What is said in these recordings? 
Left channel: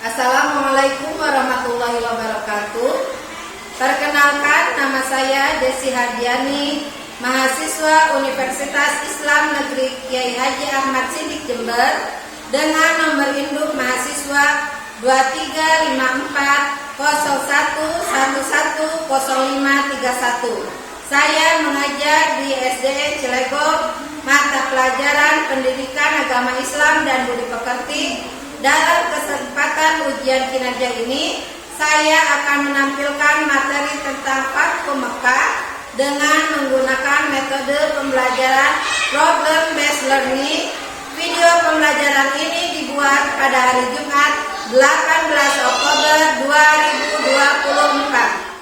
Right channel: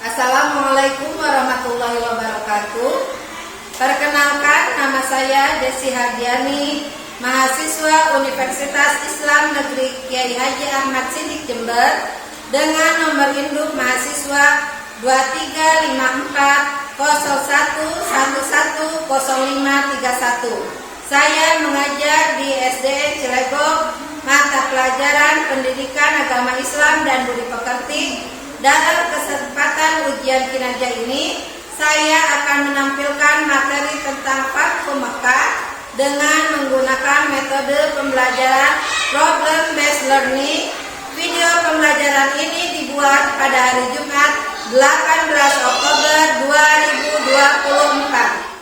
Assalamualaikum warahmatullahi wabarakatuh. Perkenalkan, nama saya Desi Hardiani, mahasiswa Universitas Islam Negeri Kiai Haji Ahmad Siddiq Jember, dengan nomor induk mahasiswa 235401110531. Saya mengajar di SDN Cilegon, mata pelajaran Pendidikan Agama Islam dan Budi Pekerti. Dalam kesempatan ujian kinerja ini, saya akan menampilkan materi tentang Fathu Mekah dengan menggunakan metode pembelajaran problem based learning. Video pembelajaran ini dibuat pada hari Jumat 18 Oktober 2024.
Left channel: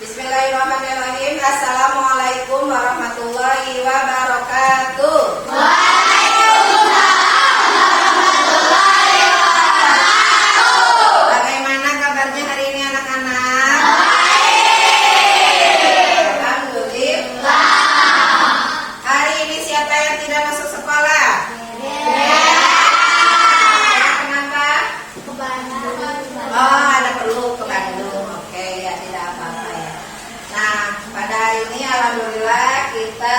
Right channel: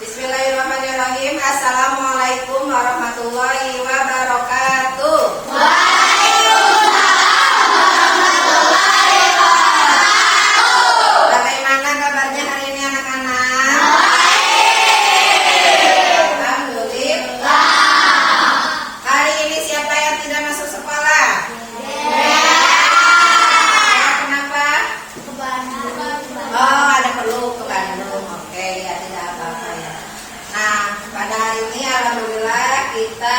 Bismillahirrahmanirrahim. Assalamualaikum warahmatullahi wabarakatuh. Waalaikumsalam warahmatullahi wabarakatuh. Bagaimana kabarnya hari ini anak-anak? Alhamdulillah. Hari ini siapa yang tidak masuk sekolah? Kenapa? Ke Bandung. Oh, ada perlu ke Bandung. Oke, ya tidak apa-apa ya. Nah, pada hari ini alhamdulillah kita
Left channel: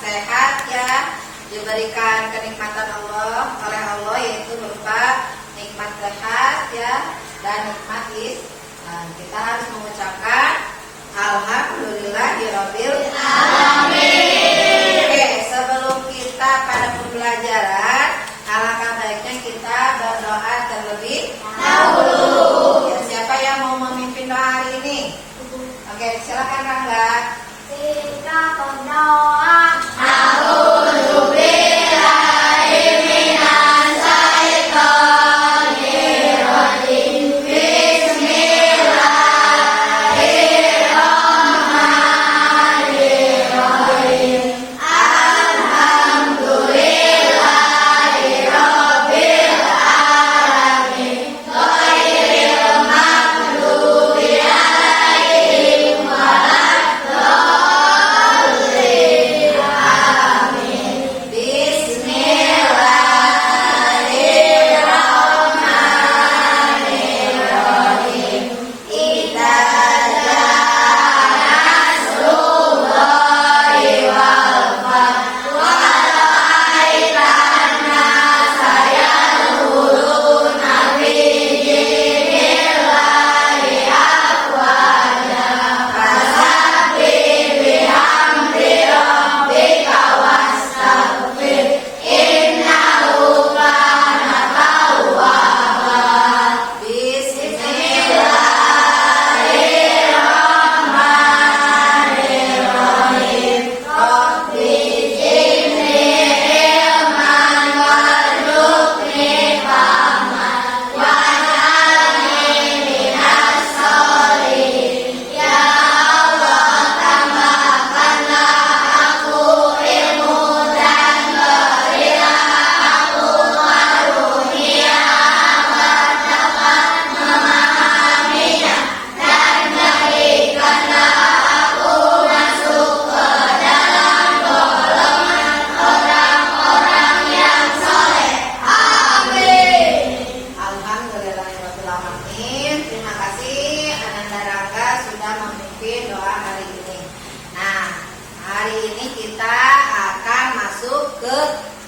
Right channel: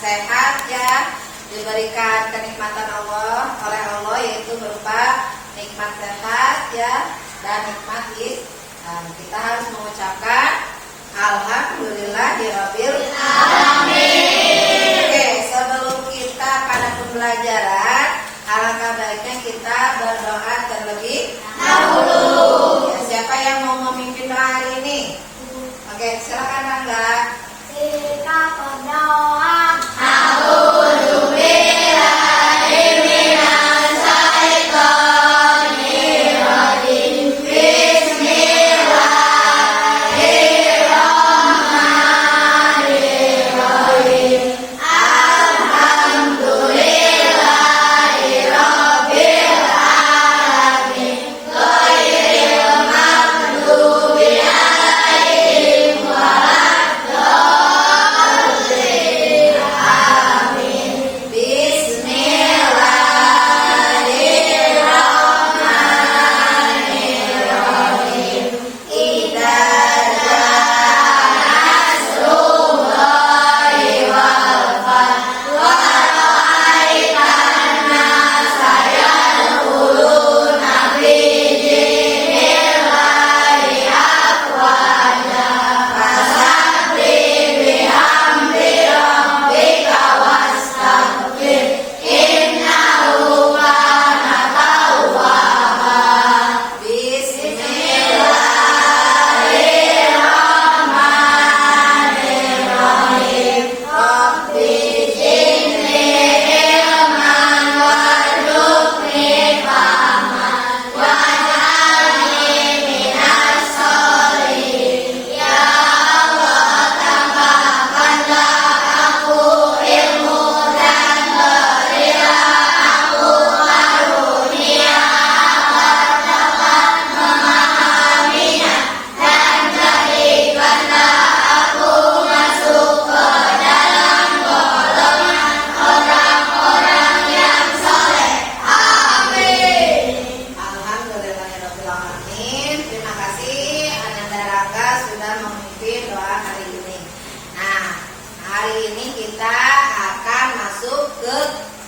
sehat ya, diberikan kenikmatan Allah oleh Allah, yaitu berupa nikmat sehat ya dan nikmat Islam. Kita harus mengucapkan alhamdulillahirabbil alamin. Oke, sebelum kita pada pembelajaran, alangkah baiknya kita berdoa terlebih dahulu. Ya, siapa yang mau memimpin doa hari ini? Oke, silakan Rangga. Kita berdoa.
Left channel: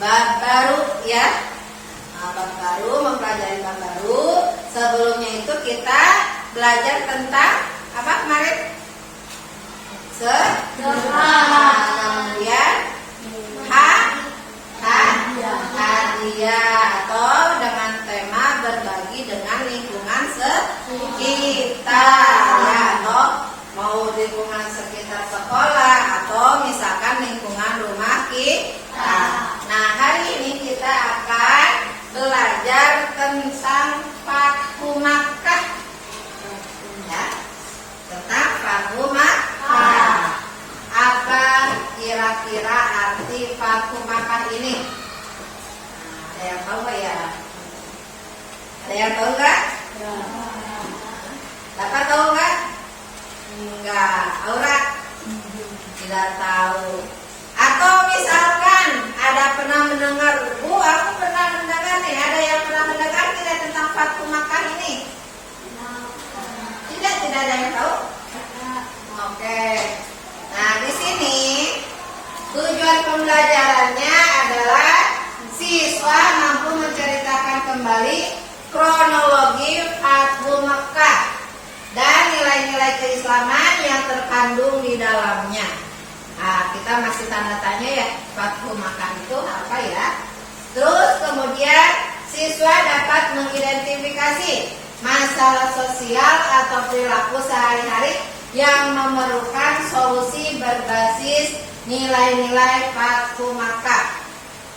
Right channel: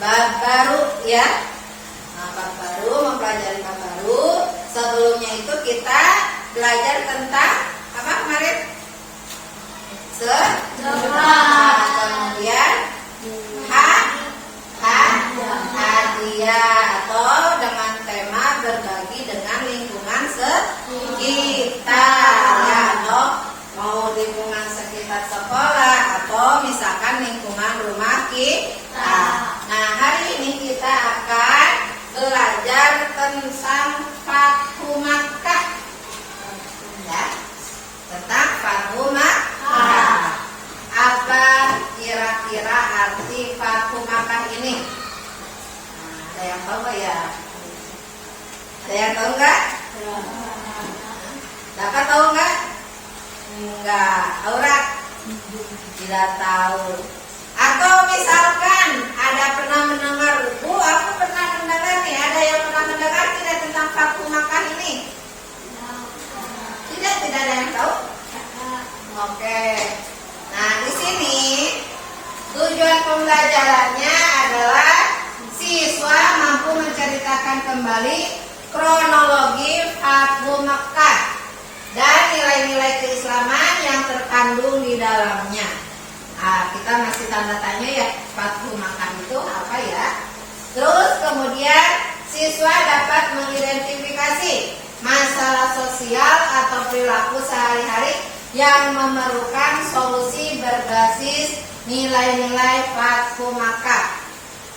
Bab baru ya. Nah, bab baru, mempelajari bab baru. Sebelumnya itu kita belajar tentang apa kemarin? Kemudian hadiah atau dengan tema berbagi dengan lingkungan sekitar ya, atau mau lingkungan sekitar sekolah atau misalkan lingkungan rumah kita. Nah, hari ini kita akan belajar tentang Fathu Makkah ya, tentang Fathu Makkah. Apa kira-kira arti Fathu Makkah ini? Ada yang tahu nggak ya? Ada yang tahu nggak? Dapat tahu nggak? Enggak. Aura? Tidak tahu. Atau misalkan ada pernah mendengar, Bu, aku pernah mendengar nih. Ada yang pernah mendengar tidak tentang Fathu Makkah ini? Tidak ada yang tahu. Oke. Nah, di sini tujuan pembelajarannya adalah siswa mampu menceritakan kembali kronologi Fathu Makkah dan nilai-nilai keislaman yang terkandung di dalamnya. Nah, kita masih tanda tanya ya, Fathu Makkah itu apa ya? Terus kemudian siswa dapat mengidentifikasi masalah sosial atau perilaku sehari-hari yang memerlukan solusi berbasis nilai-nilai Fathu Makkah.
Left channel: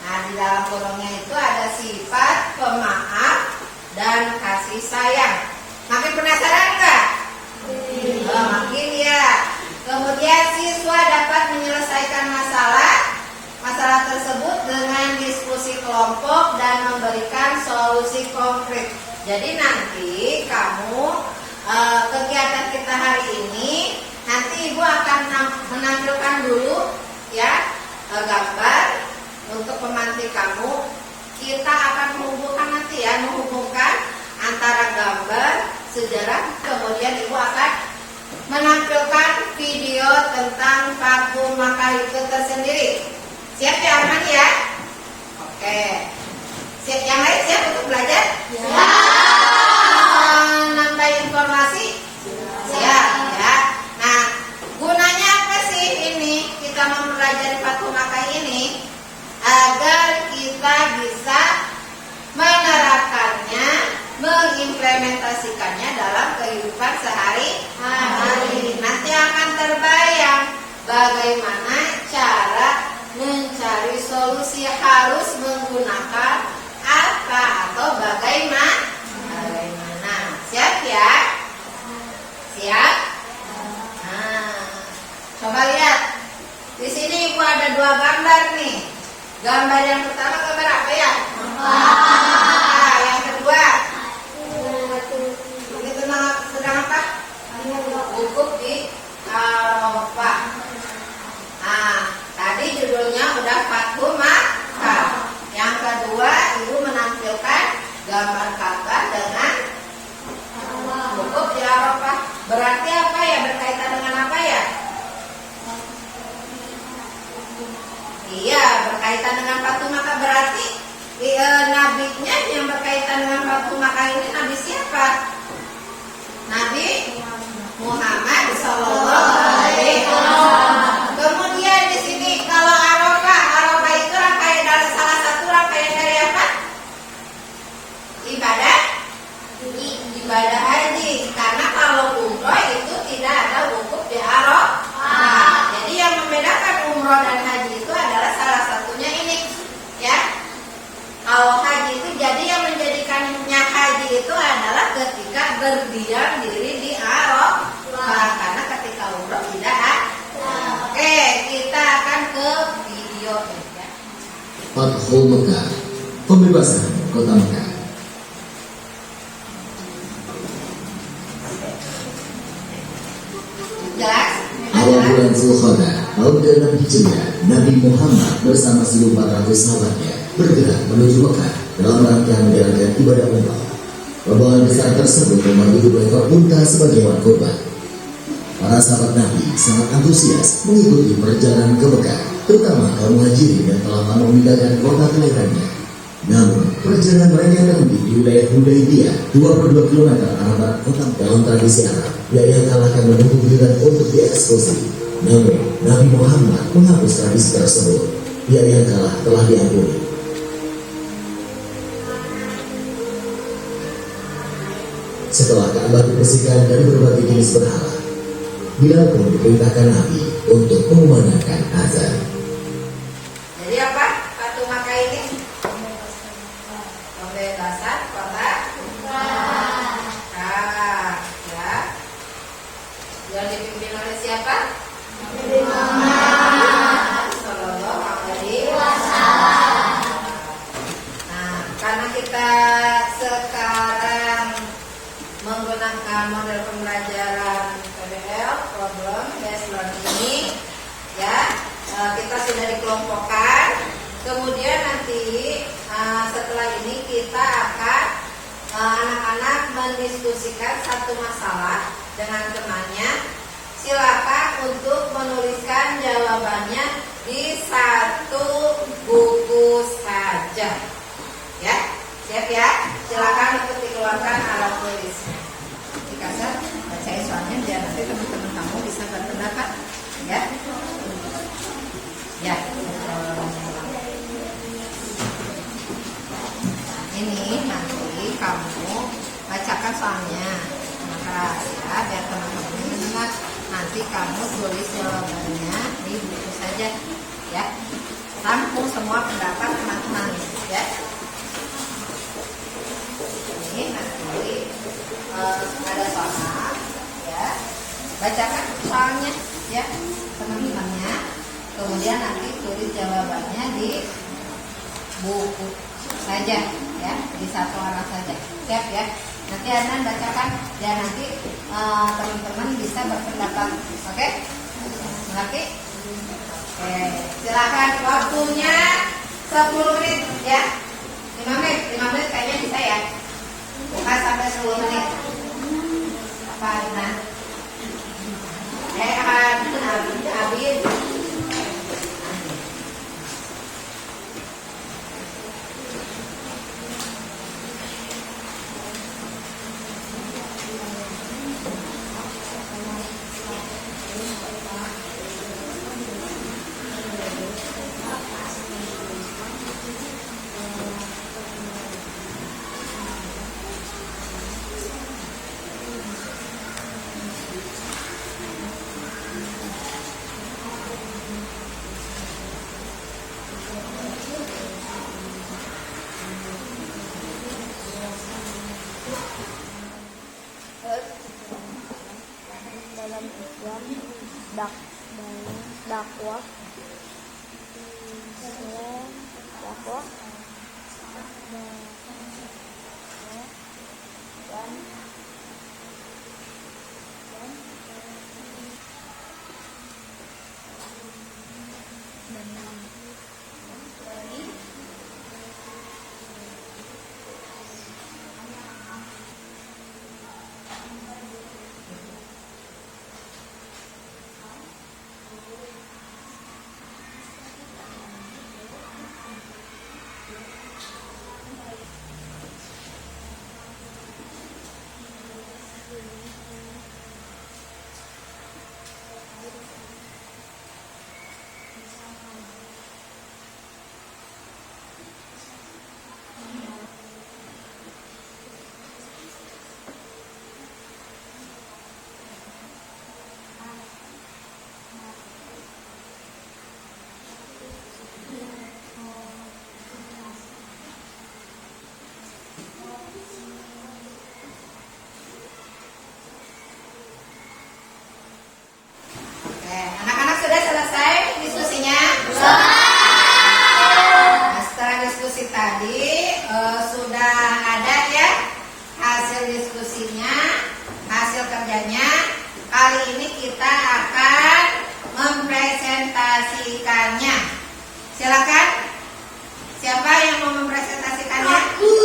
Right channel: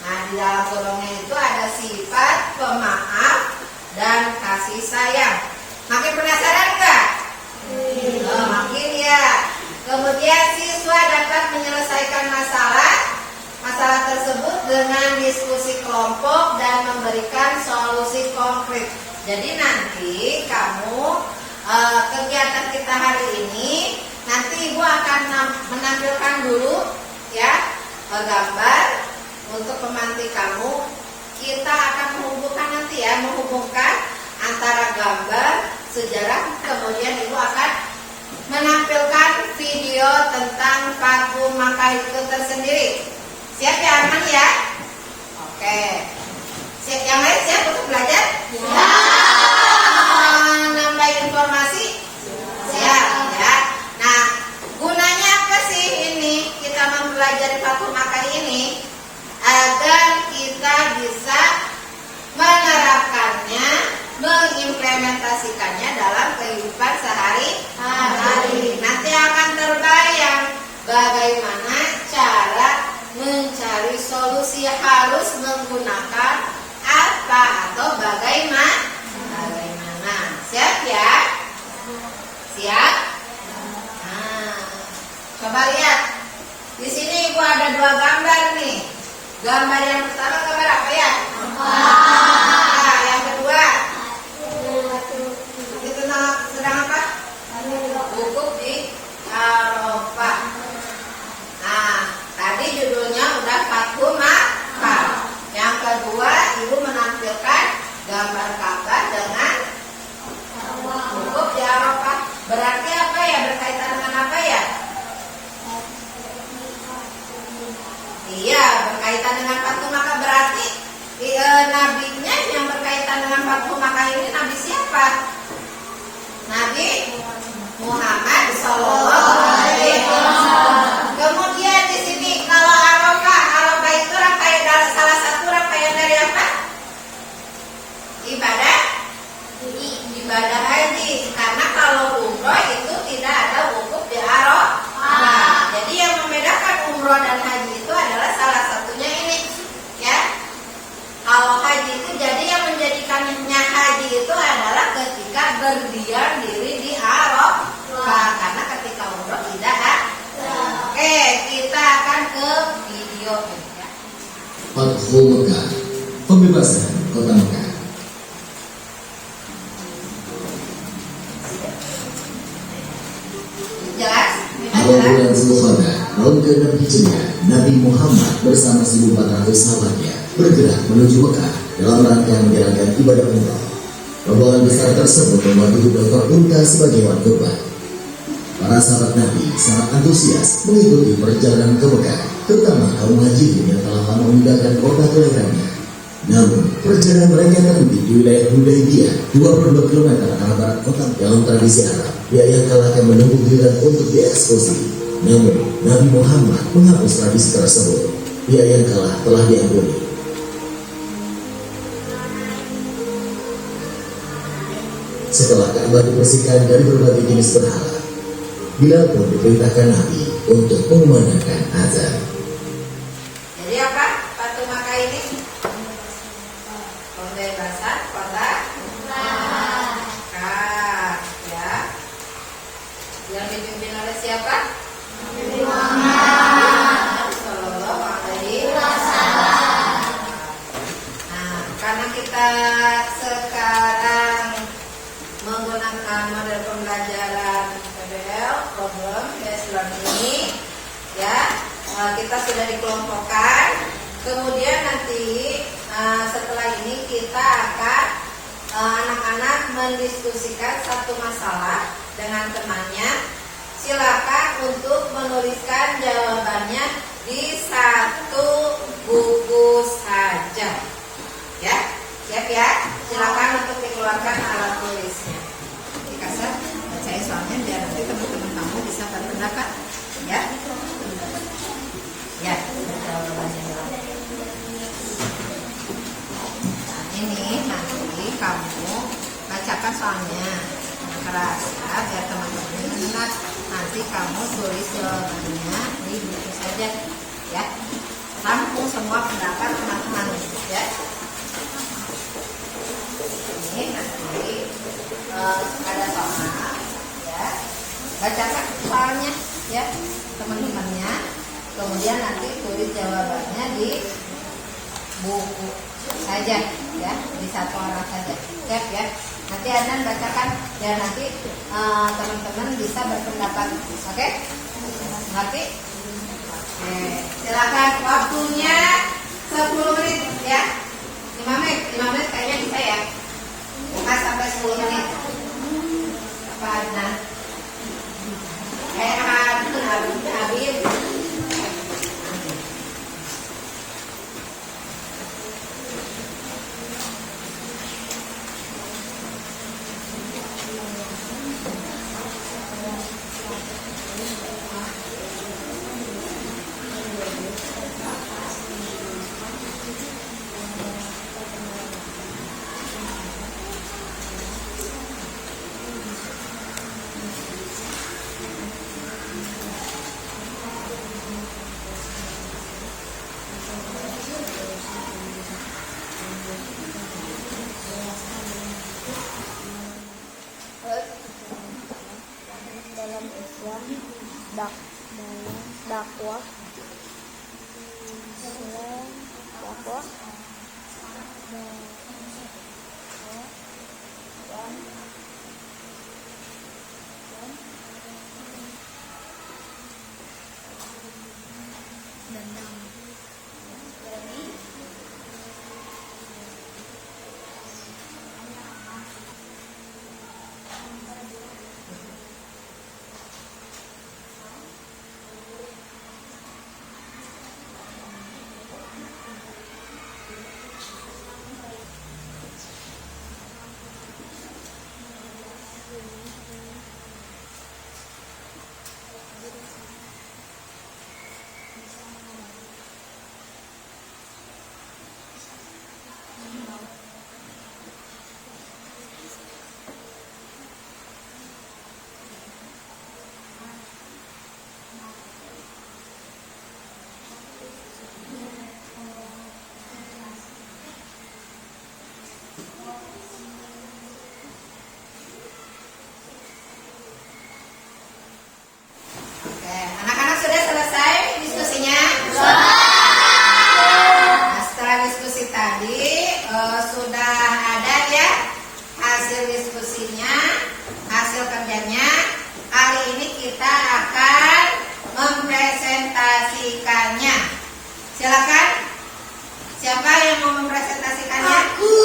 Nah, di dalam kolomnya itu ada sifat pemaaf dan kasih sayang. Makin penasaran enggak? Oh, makin ya. Kemudian siswa dapat menyelesaikan masalah tersebut dengan diskusi kelompok dan memberikan solusi konkret. Jadi nanti kamu kegiatan kita hari ini, nanti Ibu akan menampilkan dulu ya gambar untuk pemantik kamu. Kita akan menghubungkan antara gambar, sejarah, kemudian Ibu akan menampilkan video tentang Fathu Makkah itu tersendiri. Siap ya Arman ya? Oke. Siap, yang lain siap untuk belajar? Ya. Nambah informasi? Siap ya. Nah, gunanya apa sih ini kita mempelajari Fathu Makkah ini? Agar kita bisa menerapkannya, mengimplementasikannya dalam kehidupan sehari-hari. Nanti akan terbayang bagaimana cara mencari solusi, harus menggunakan apa atau bagaimana. Siap ya? Siap? Nah, coba lihat. Di sini Ibu ada 2 gambar nih. Gambar yang pertama gambar apa ya? Nah, yang kedua sedang apa? Wukuf di Arafah. Nah, tadi judulnya udah Fathu Makkah. Yang kedua, Ibu menampilkan gambar Ka'bah dengan wukuf di Arafah. Berarti apa ya? Berkaitan dengan apa ya? Iya, berkaitan dengan Fathu Makkah. Berarti nabinya yang berkaitan dengan Fathu Makkah ini nabi siapa? Nabi Muhammad Sallallahu Alaihi Wasallam. Kemudian di sini kalau Arafah itu rangkaian, salah satu rangkaian dari apa? Ibadah haji. Karena kalau umroh itu tidak ada wukuf di Arafah. Jadi yang membedakan umroh dan haji itu adalah salah satunya ini, ya. Kalau haji itu jadi yang menjadikannya haji itu adalah ketika berdiam diri di Arafah. Karena ketika umroh tidak ada. Oke, kita akan ke video ya. Fathu Makkah, pembebasan kota Makkah. Awal bulan Zulqa'dah tahun ke-6 Hijriah, Nabi Muhammad bersama 1.400 sahabatnya bergerak menuju Mekah dalam rangka menjalankan ibadah umrah. Rombongan besar tersebut memandu 2 ekor unta sebagai hewan kurban. Para sahabat Nabi sangat antusias mengikuti perjalanan ke Mekah, terutama kaum haji yang telah lama meninggalkan kota kelahirannya. Namun, perjalanan mereka terhenti di wilayah Hudaybiyah, 22 km arah barat kota. Dalam tradisi Arab, pihak yang kalah akan menunggu giliran untuk dieksekusi. Namun, Nabi Muhammad menghapus tradisi tersebut. Pihak yang kalah telah diampuni. Setelah Ka'bah dibersihkan dari berbagai jenis berhala, Bilal pun diperintahkan Nabi untuk mengumandangkan azan. Jadi apa? Fathu Makkah ini pembebasan kota Makkah, ya. Yang dipimpin oleh siapa? Nabi Muhammad Sallallahu Alaihi problem based learning ini ya. Kita sudah dikelompokkan. Kemudian nanti setelah ini kita akan anak-anak mendiskusikan satu masalah dengan temannya. Silakan untuk menuliskan jawabannya di satu buku saja. Ya, siap ya? Silakan untuk dikeluarkan alat tulisnya. Dikasih bacain soalnya biar nanti teman-teman kamu bisa berpendapat. Ya. Ya, jawabannya. Nah, ini nanti kamu bacakan soalnya dengan keras ya, biar teman-teman mendengar. Nanti kamu tulis jawabannya di buku saja, ya. Rangkum semua pendapat teman-teman, ya. Ini nanti ada soal, ya. Bacakan soalnya, ya, teman-temannya. Kemudian nanti tulis jawabannya di buku saja, ya, di satu arah saja, siap ya. Nanti Adnan bacakan dan nanti teman-teman bisa berpendapat, oke? Ngerti? Oke, silakan waktunya 10 menit ya. 5 menit kayaknya bisa ya. 5 sampai 10 menit. Apa Adnan? Habis. Dalam Islam dakwah Sudah selesai diskusinya? Nah, setelah diskusi tadi sudah ada ya hasil diskusinya, hasil kerjanya. Kali ini kita akan mempresentasikannya. Silakan. Siapa yang mau mempresentasikannya? Aku.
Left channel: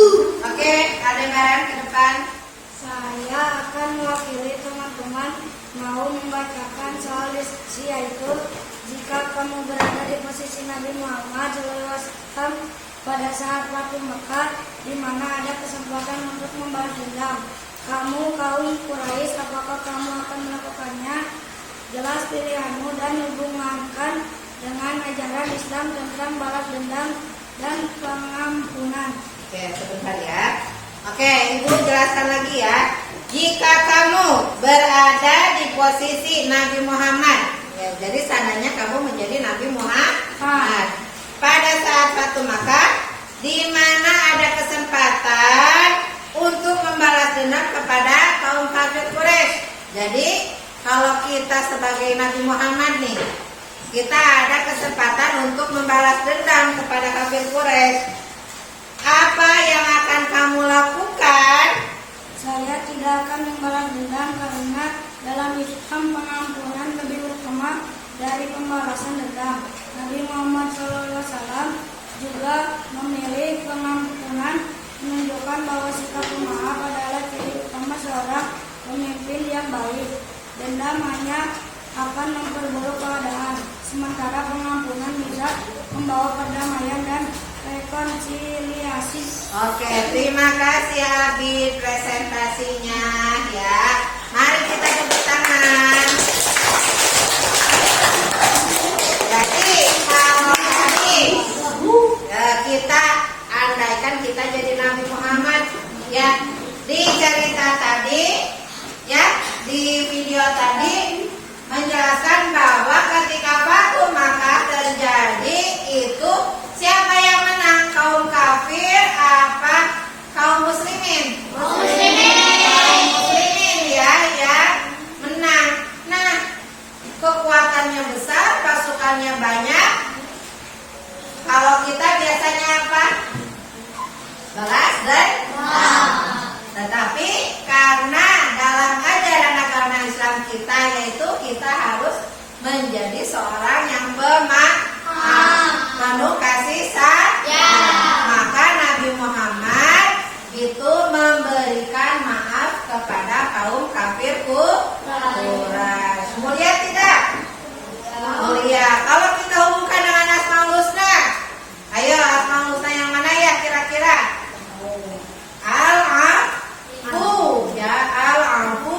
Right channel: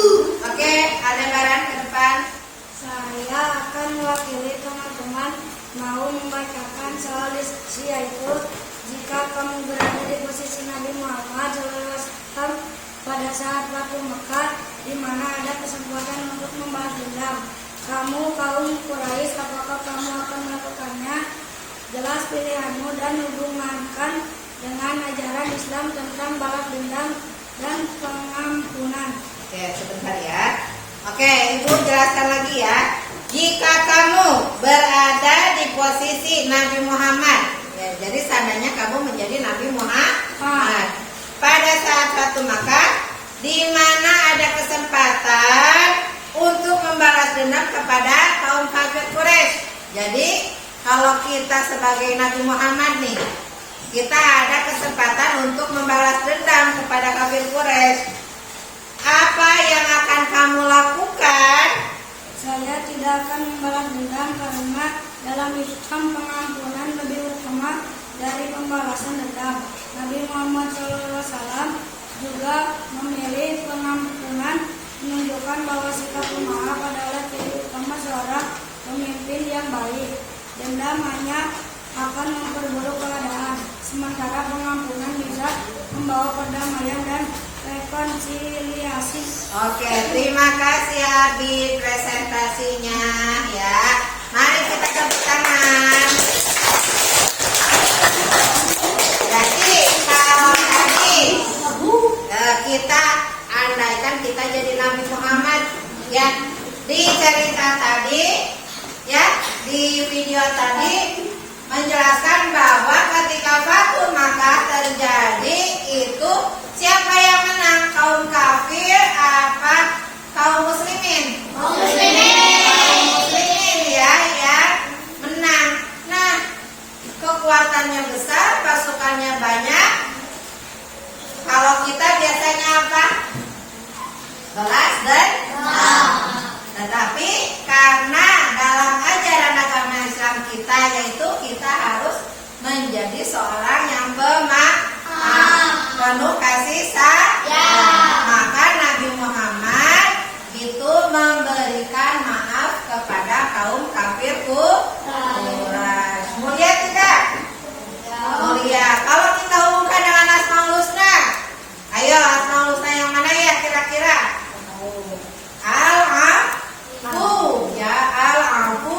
Oke, Aldebaran ke depan. Saya akan mewakili teman-teman mau membacakan soal diskusi, yaitu jika kamu berada di posisi Nabi Muhammad SAW pada saat Fathu Mekah, di mana ada kesempatan untuk membalas dendam. Kamu kaum Quraisy, apakah kamu akan melakukannya? Jelas pilihanmu dan hubungkan dengan ajaran Islam tentang balas dendam dan pengampunan. Oke, sebentar ya. Oke, Ibu jelaskan lagi ya. Jika kamu berada di posisi Nabi Muhammad, ya, jadi seandainya kamu menjadi Nabi Muhammad pada saat Fathu Makkah, di mana ada kesempatan untuk membalas dendam kepada kaum kafir Quraisy. Jadi kalau kita sebagai Nabi Muhammad nih, kita ada kesempatan untuk membalas dendam kepada kafir Quraisy. Apa yang akan kamu lakukan? Saya tidak akan membalas dendam karena Dalam Islam pengampunan lebih utama dari pembalasan dendam. Nabi Muhammad SAW juga memilih pengampunan, menunjukkan bahwa sikap pemaaf adalah ciri utama seorang pemimpin yang baik. Dendam hanya akan memperburuk keadaan, sementara pengampunan bisa membawa perdamaian dan rekonsiliasi. Oke, terima kasih Abi presentasinya ya. Mari kita tepuk tangan. Jadi kalau tadi kita andaikan kita jadi Nabi Muhammad ya, di cerita tadi ya, di video tadi menjelaskan bahwa ketika Fatu Makkah terjadi itu siapa yang menang, kaum kafir apa kaum muslimin? Kaum muslimin ya yang menang. Nah, kekuatannya besar, pasukannya banyak. Kalau kita biasanya apa? Balas dendam. Tetapi karena dalam ajaran agama Islam kita yaitu kita harus menjadi seorang yang pemaaf, penuh kasih sayang. Maka Nabi Muhammad itu memberikan maaf kepada kaum kafir Quraisy. Mulia tidak? Mulia. Kalau kita hubungkan dengan Asmaul Husna, ayo Asmaul Husna yang mana ya kira-kira? Al-Afu ya, Al-Afu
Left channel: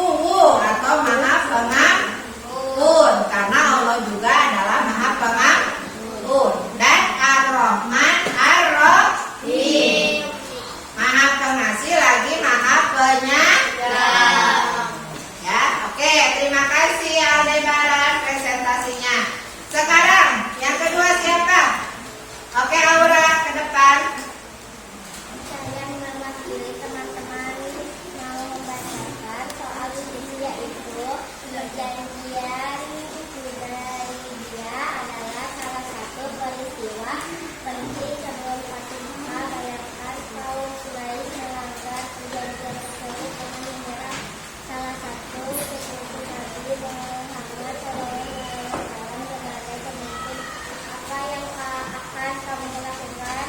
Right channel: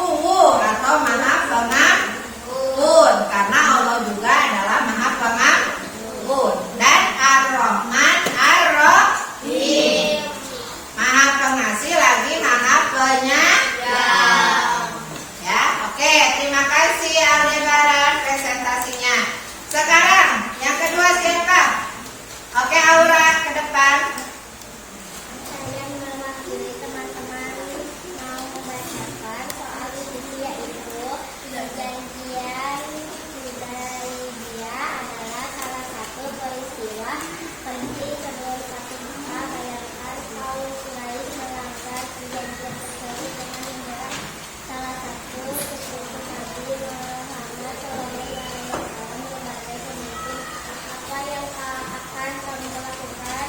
atau Maha Pengampun, karena Allah juga adalah Maha Pengampun. Dan Ar-Rahman Ar-Rahim, Maha Pengasih lagi Maha Penyayang. Ya, oke, terima kasih Aldebaran presentasinya. Sekarang yang kedua siapa? Oke, Aura ke depan. Saya mewakili teman-teman mau membacakan soal ini, yaitu perjanjian Hudaybiyah adalah salah satu peristiwa penting sebelum Fatu Makkah. Bayangkan kaum Quraisy melanggar perjanjian tersebut dengan menyerang salah satu sekutu Nabi Muhammad SAW sebagai pemimpin. Apa yang akan kamu lakukan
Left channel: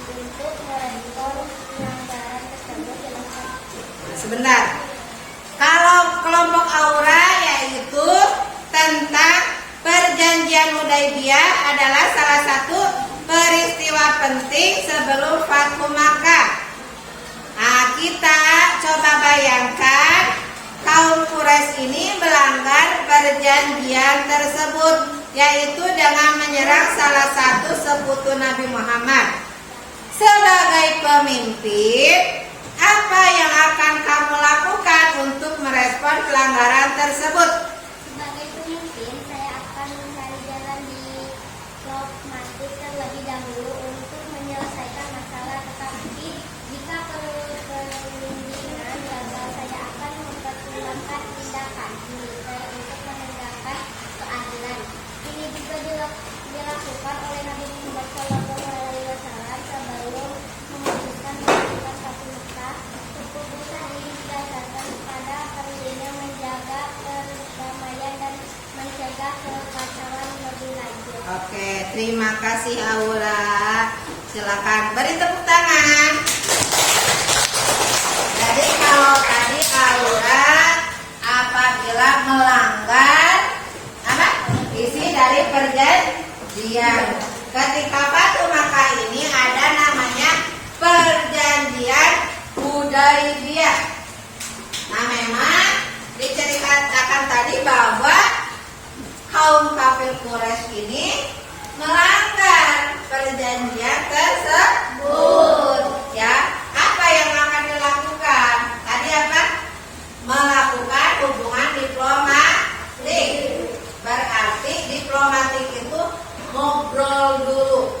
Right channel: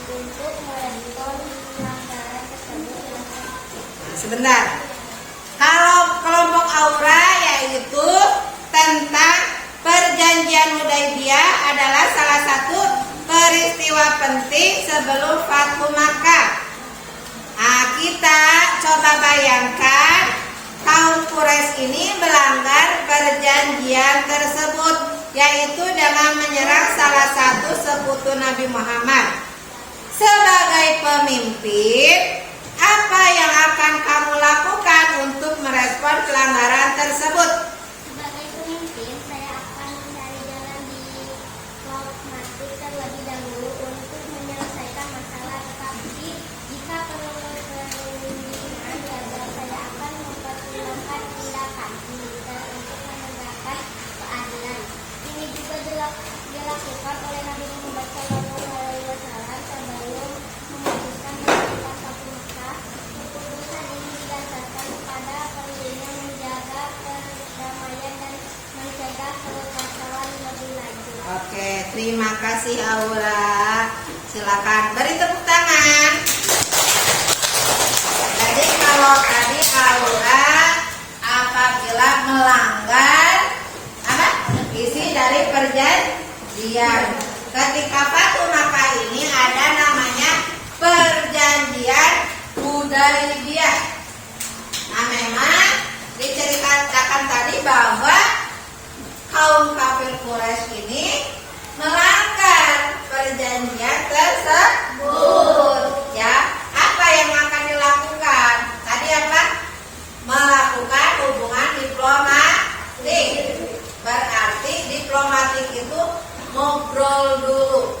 untuk merespon pelanggaran tersebut? Silakan. Sebentar. Kalau kelompok Aura yaitu tentang perjanjian Hudaybiyah adalah salah satu peristiwa penting sebelum Fatu Makkah. Nah, kita coba bayangkan kaum Quraisy ini melanggar perjanjian tersebut, yaitu dengan menyerang salah satu sekutu Nabi Muhammad. Sebagai pemimpin, apa yang akan kamu lakukan untuk merespon pelanggaran tersebut? Sebagai pemimpin, saya akan mencari jalan diplomatik terlebih dahulu untuk menyelesaikan masalah. Tetapi jika pemimpinan gagal, saya akan mempertimbangkan tindakan militer untuk menegakkan keadilan. Ini juga dilakukan oleh Nabi Muhammad SAW sebelum memutuskan melakukan Fatu Makkah. Keputusan ini didasarkan pada perlunya menjaga perdamaian dan mencegah kekacauan lebih lanjut. Oke, terima kasih Aura. Silakan beri tepuk tangan. Jadi kalau tadi Aura apabila melanggar apa? Isi dari perjanjian. Ketika Fatu Makkah ini ada namanya perjanjian Hudaybiyah. Nah, memang diceritakan tadi bahwa kaum kafir Quraisy ini melanggar perjanjian tersebut. Ya, apa yang akan dilakukan? Tadi apa? Melakukan hubungan diplomatik. Berarti diplomatik itu ngobrol dulu.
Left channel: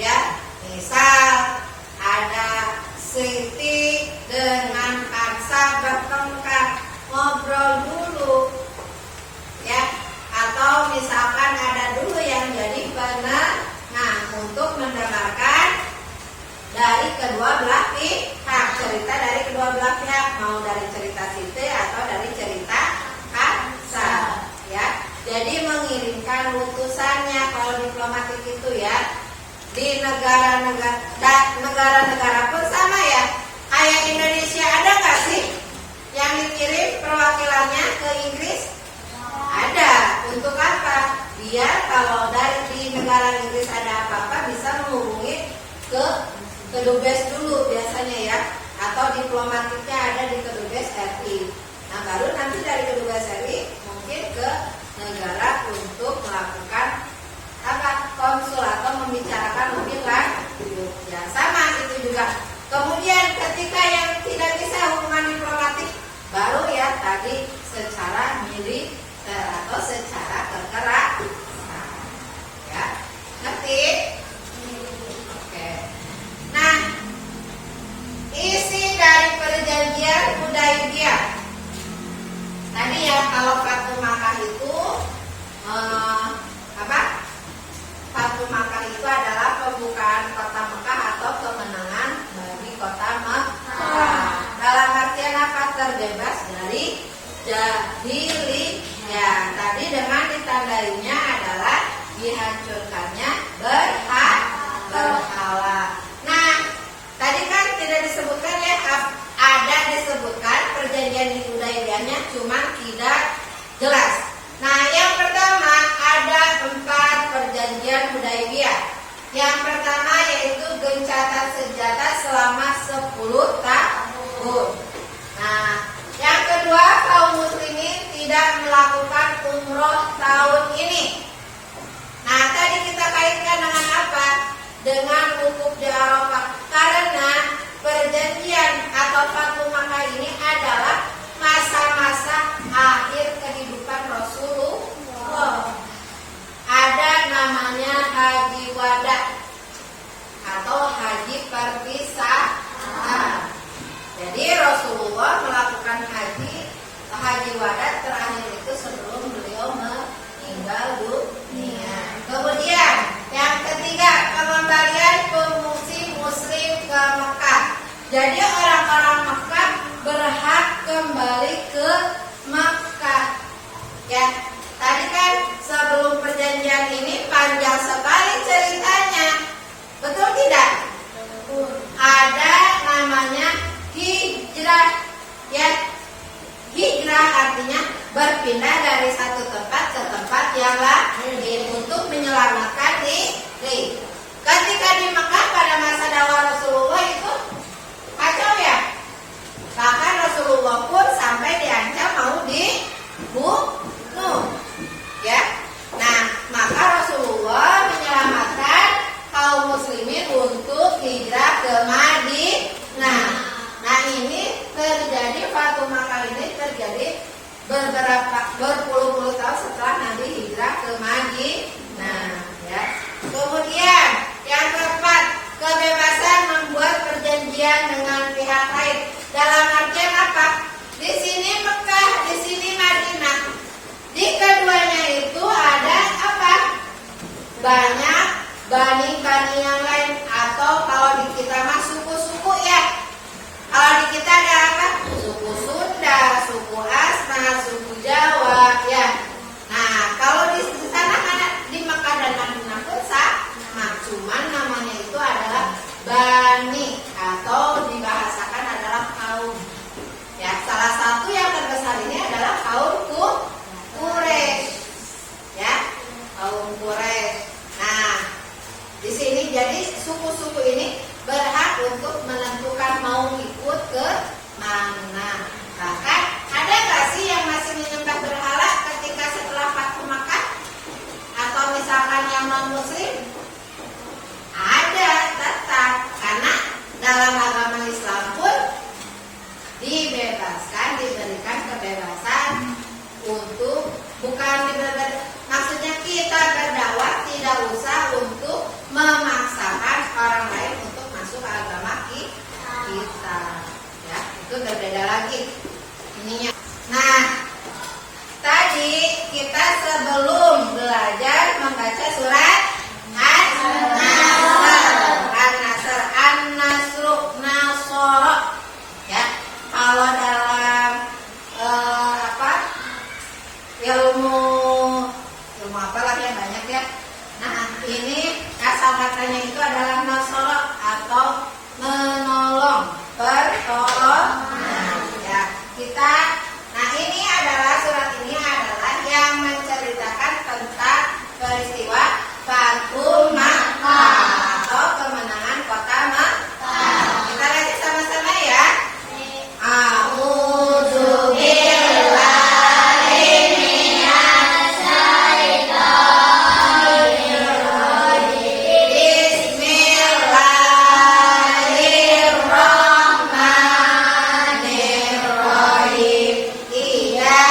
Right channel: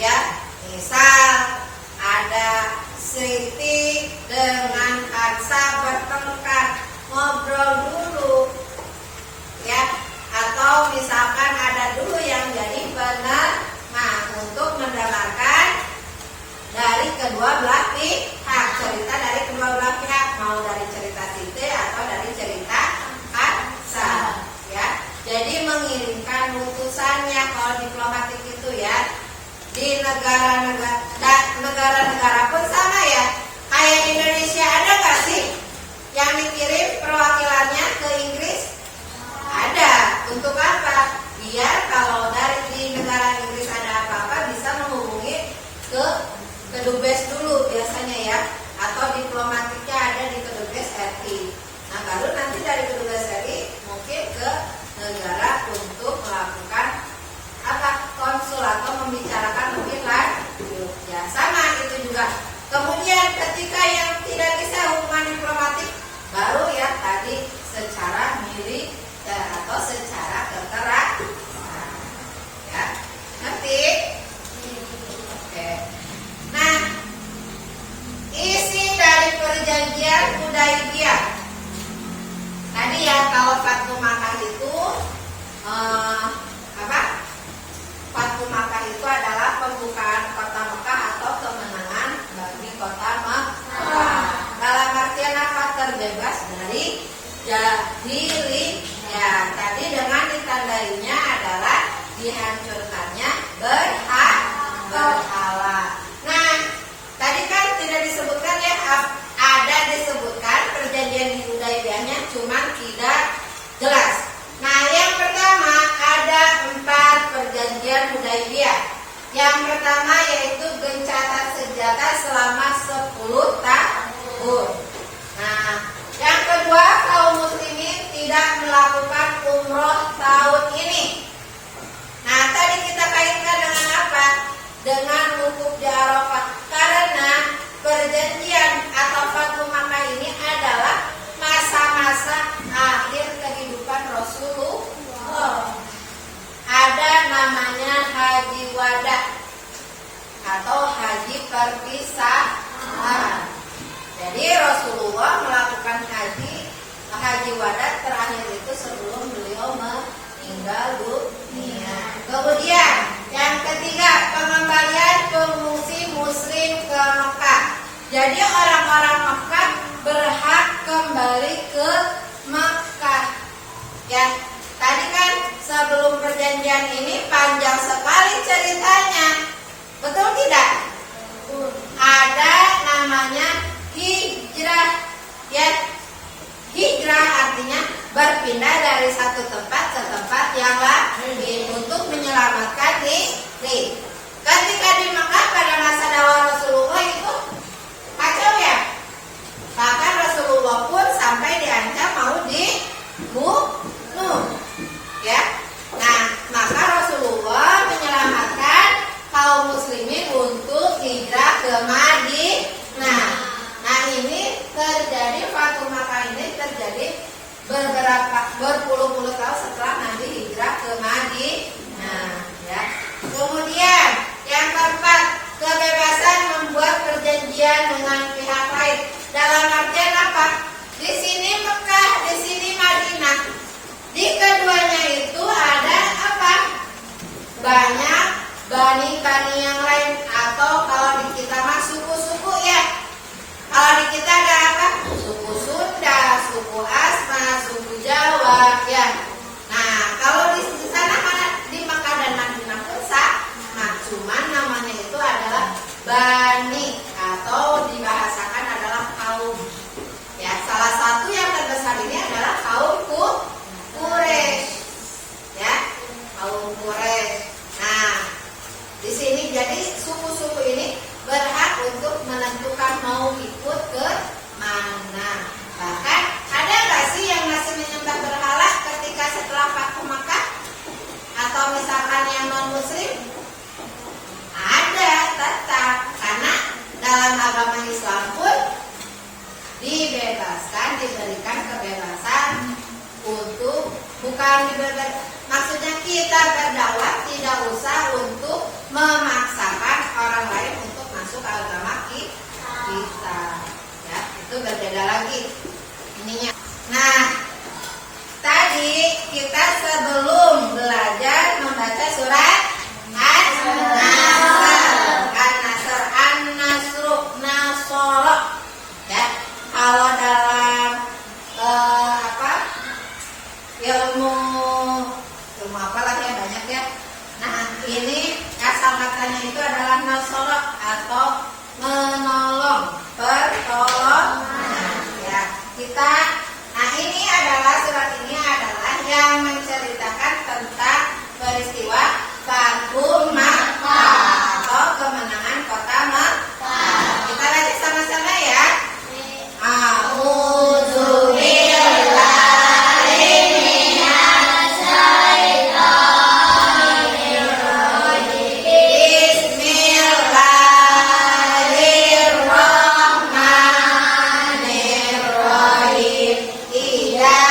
Ya, misal ada Siti dengan Hansa bertengkar, ngobrol dulu. Ya, atau misalkan ada dulu yang jadi negara-negara pun sama ya. Kayak Indonesia ada nggak sih yang dikirim perwakilannya ke Inggris? Ada. Untuk apa? Biar kalau di negara Inggris ada apa-apa bisa menghubungi ke kedubes dulu biasanya ya, atau diplomatiknya ada di kedubes RI. Nah baru nanti dari kedubes RI mungkin ke negara untuk melakukan konsul atau membicarakan lebih lanjut. Ya sama itu juga. Kemudian ketika yang tidak bisa hubungan diplomatik, baru ya tadi secara militer atau secara kekerasan. Ya, ngerti? Oke. Nah, isi dari perjanjian Hudaibiyah. Tadi ya kalau Fatu Makkah itu Fatu Makkah itu adalah pembukaan kota Mekah atau kemenangan bagi kota Mekah. Dalam artian apa? Terbebas dari jahiliyah. Tadi dengan ditandainya adalah dihancurkannya berhala. Nah, tadi kan tidak disebutkan ya, ada disebutkan perjanjian di Hudaibiyahnya, cuma tidak jelas. Nah, yang pertama ada 4 perjanjian Hudaibiyah. Yang pertama yaitu gencatan senjata selama 10 tahun. Nah, yang kedua kaum muslimin tidak melakukan umroh tahun ini. Nah, tadi kita kaitkan dengan apa? Dengan wukuf di Arafah. Karena perjanjian atau Fatu Makkah ini adalah masa-masa akhir kehidupan Rasulullah. Ada namanya haji wada atau haji perpisahan. Jadi Rasulullah melakukan haji wada terakhir itu sebelum beliau meninggal dunia. Kemudian yang ketiga, pengembalian pengungsi muslim ke Mekah. Jadi orang-orang Mekah berhak kembali ke Mekah. Ya, tadi kan sebelum perjanjian ini panjang sekali ceritanya. Betul tidak? Ada namanya hijrah. Ya, hijrah artinya berpindah dari satu tempat ke tempat yang lain untuk menyelamatkan diri. Ketika di Mekah pada masa dakwah Rasulullah itu kacau ya. Bahkan Rasulullah pun sampai diancam mau dibunuh. Ya. Nah, maka Rasulullah menyelamatkan kaum muslimin untuk hijrah ke Madinah. Nah, ini terjadi Fatu Makkah ini terjadi berpuluh-puluh tahun setelah Nabi hijrah ke Madinah. Ya. Kemudian yang keempat, kebebasan membuat perjanjian dengan pihak lain. Dalam artian apa? Di sini Mekah, di sini Madinah. Di keduanya itu ada apa? Banyak bani-bani yang lain, atau kalau di kita mah suku-suku ya. Kalau di kita ada apa? Suku Sunda, suku Asma, suku Jawa ya. Nah, kalau di sana mana? Di Mekah dan Madinah pun sama, cuman namanya itu adalah bani atau dibahasakan adalah kaum. Ya, salah satu yang terbesar ini adalah kaum Quraisy. Ya, kaum Quraisy. Nah, di sini jadi suku-suku ini berhak untuk menentukan mau ikut ke Salah katanya itu adalah nasoro atau menolong, pertolongan. Ya, kita. Nah ini adalah surat ini adalah yang menceritakan tentang peristiwa Fathu Makkah atau kemenangan kota Makkah. Kita lanjut sama-sama ya. A'udzu billahi minas syaitonir rajim. Bismillahirrahmanirrahim. Idza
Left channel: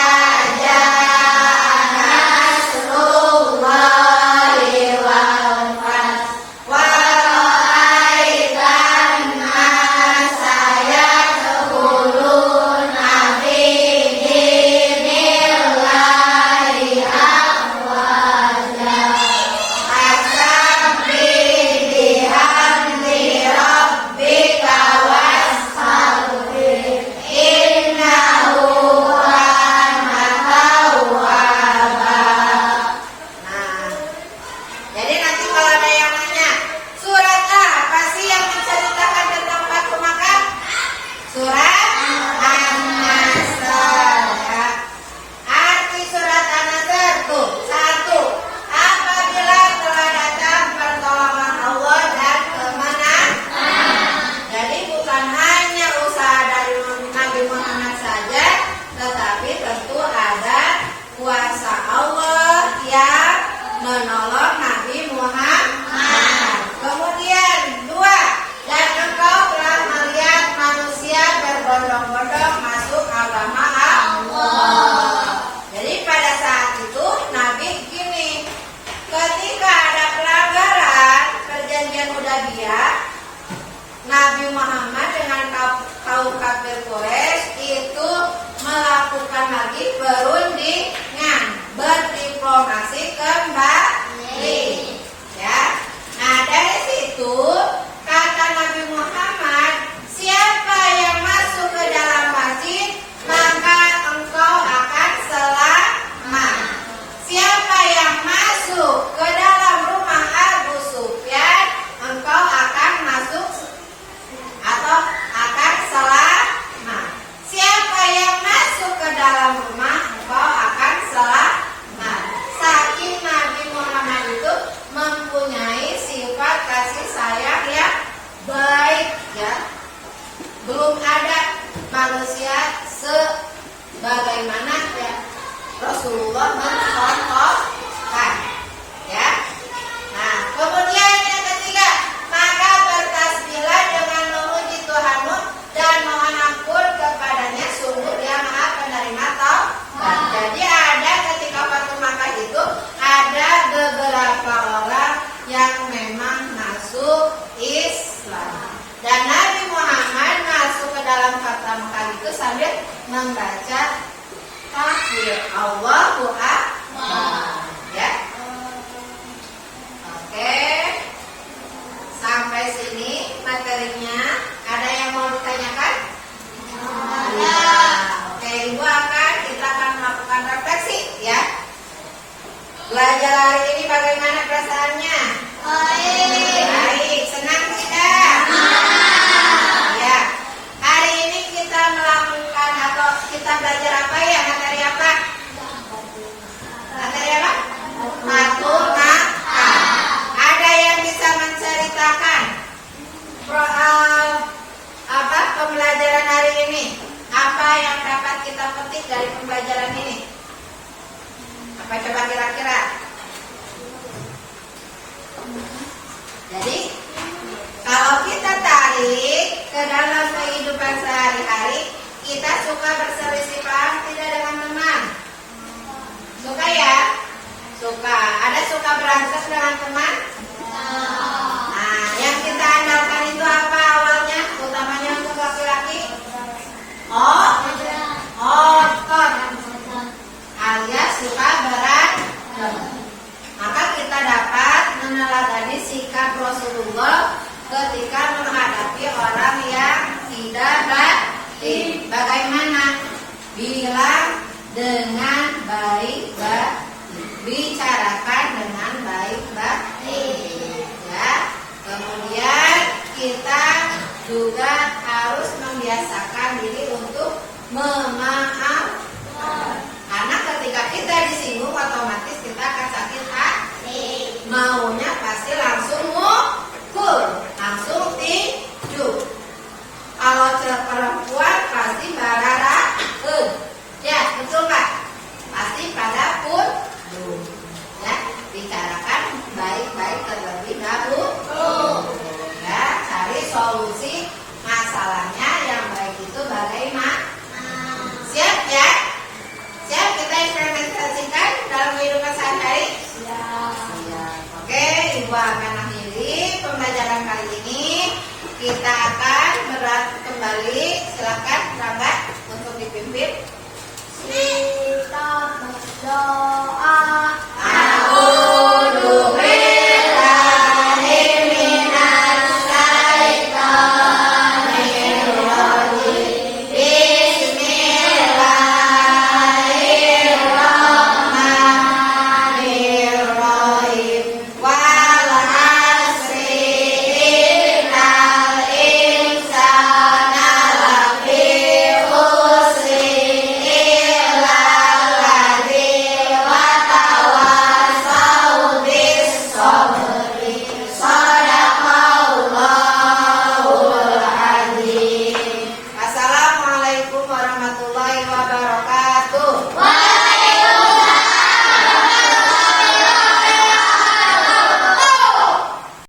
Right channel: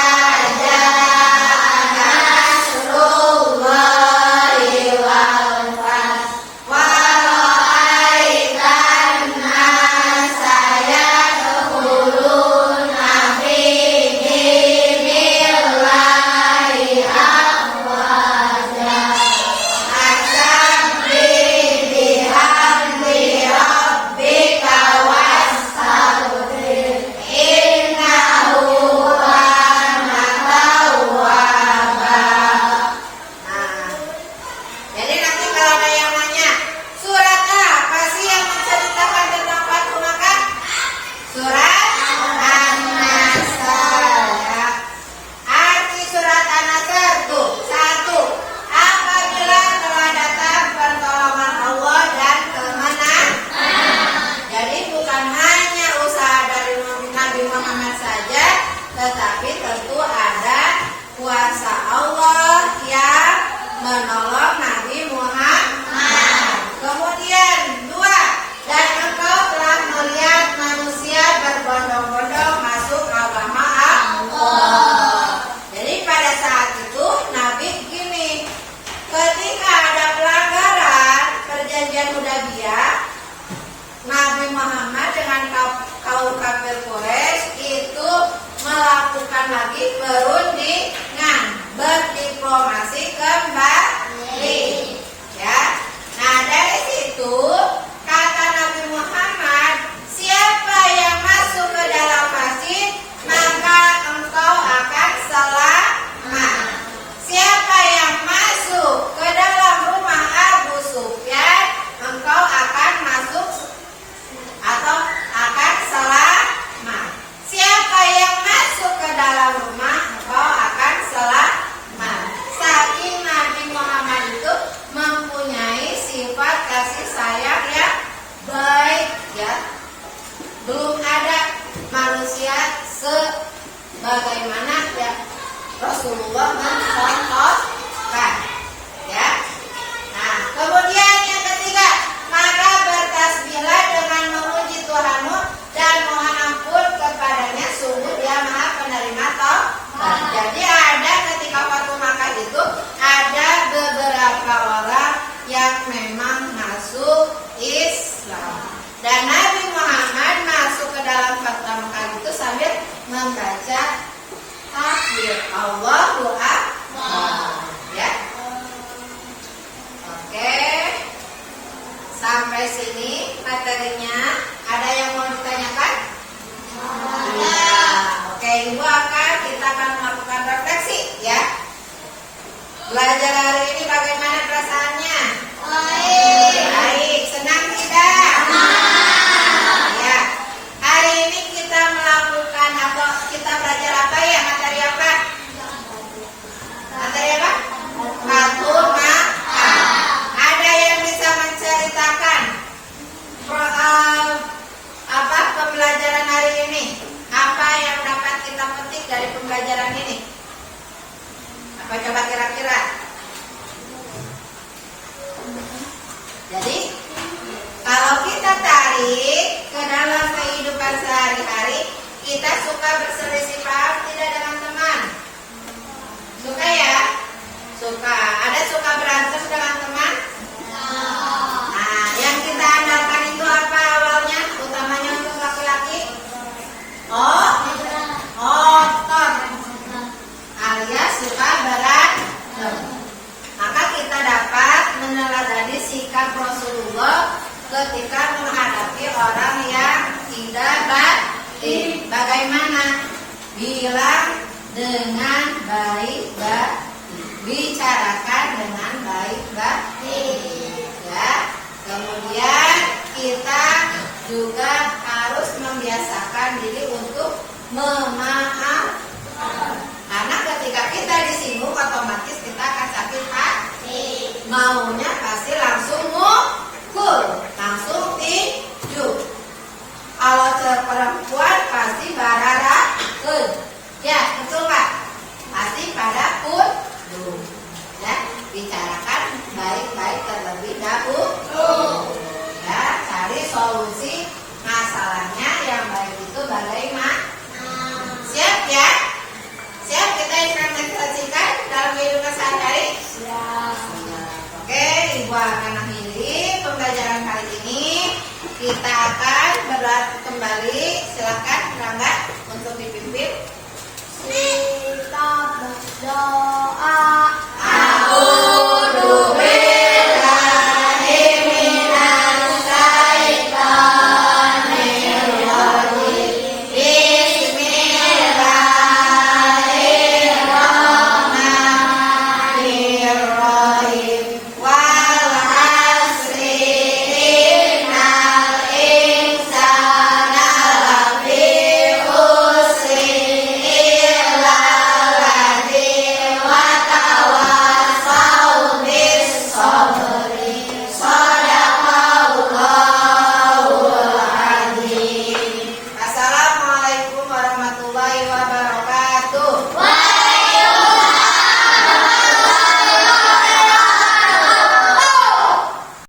jaa nasrullahi wal fath wa ra'aitan nasa yadkhuluna fi dinillahi afwaja. Fasabbih bihamdi rabbika wastaghfir innahu kana tawwaba. Nah, jadi nanti kalau ada yang nanya, surat apa sih yang menceritakan tentang Fathu Makkah? Surat An-Nasr. Ya. Arti surat An-Nasr tuh, 1. Apabila telah datang pertolongan Allah dan kemenangan. Jadi bukan hanya usaha dari Nabi Muhammad saja, tetapi tentu ada kuasa Allah yang menolong Nabi Muhammad. Kemudian 2, dan engkau telah melihat manusia berbondong-bondong masuk agama Allah. Jadi pada saat itu Nabi gini, ketika ada pelanggaran perjanjian Hudaybiyah, Nabi Muhammad dengan kaum kafir Quraisy itu melakukan lagi perundingan, berdiplomasi kembali. Ya. Nah, dari situ kata Nabi Muhammad, siapa yang masuk ke dalam masjid, maka engkau akan selamat. Siapa yang masuk ke dalam rumah Abu Sufyan, engkau akan masuk atau akan selamat. Siapa yang masuk ke dalam rumah, engkau akan selamat. Saking Nabi Muhammad itu mempunyai sifat kasih sayang yang baik, ya. Belum ada manusia sebagaimana ya Rasulullah mencontohkan, ya. Nah, kemudian yang ketiga, maka bertasbihlah dengan memuji Tuhanmu dan mohon ampun kepadanya, sungguh Dia Maha Penerima Taubat. Jadi ada ketika Fathu Makkah itu ada beberapa orang yang memang masuk Islam. Dan Nabi Muhammad masuk ke dalam Fathu Makkah itu sambil membaca takbir Allahu Akbar. Ya. Oke. Sampai sini materinya. Ada yang mau ditanyakan? Oke, Ibu kita akan melakukan refleksi, ya. Belajar hari ini bagaimana perasaannya? Baik, senang tidak? Ya. Hari ini kita melakukan atau kita belajar apa ya? Materi apa? Materi apa? Fathu Makkah. Ada yang bisa menceritakan pembelajaran hari ini? Apa yang dapat kita petik dari pembelajaran ini? Apa coba kira-kira? Jadi kalau kita tarik ke dalam kehidupan sehari-hari, kita suka berselisih paham tidak dengan teman? Suka ya? Suka. Ada suka berantem dengan teman? Nah, yang kita andalkan itu apa awalnya? Utamanya untuk laki-laki? Otot alias suka berantem. Maka kita dapat meneladani sikap Rasulullah ketika menghadapi orang yang tidak baik. Bagaimana? Bilang dengan baik-baik, bicarakan dengan baik-baik, ya. juga harus membiasakan diri untuk memaafkan. Karena ketika kita disinggung otomatis kita akan sakit hati. Maunya pasti langsung mukul, langsung tinju. Kalau perempuan pasti barara, ya betul Pak. Pasti pada pun, ya bicarakan baik-baik terlebih dahulu. Ya cari solusi masalahnya yang baik itu bagaimana? Siap ya? Siap kita implementasikan dalam kehidupan sehari-hari? Siap. Oke, Ibu akan akhiri pembelajaran kali ini. Kita akan kembali. Silakan Rangga untuk dipimpin. Kita berdoa